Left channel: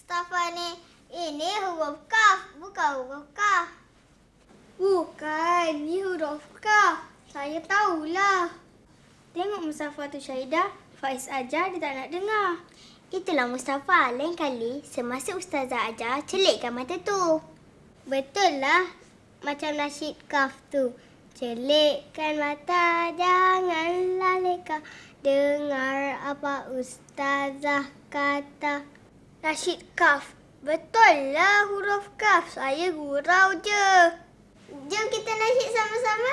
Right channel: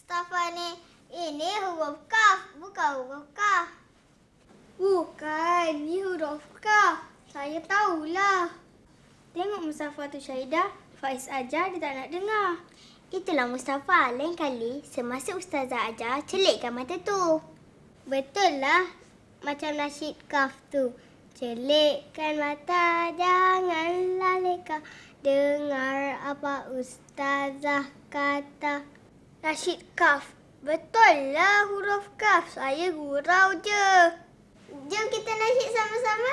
Mustafa ni, ini huruf kaf, bukan huruf kaf. Bukan, ni huruf kaf. Saya tahulah. Tengok Mustafa tu Syahidah. Faiz ajar, dia tak nak dengar. Itulah Mustafa, lain kali semasa ustazah ajar, celikkan mata tu. Betul lah, macam nasyid kaf tu. Celikkan mata, janganlah leka. Dengar apa ustazah kata. Nasyid kaf. Betul lah huruf kaf. Saya gurau je. Jom kita nasyid sama-sama.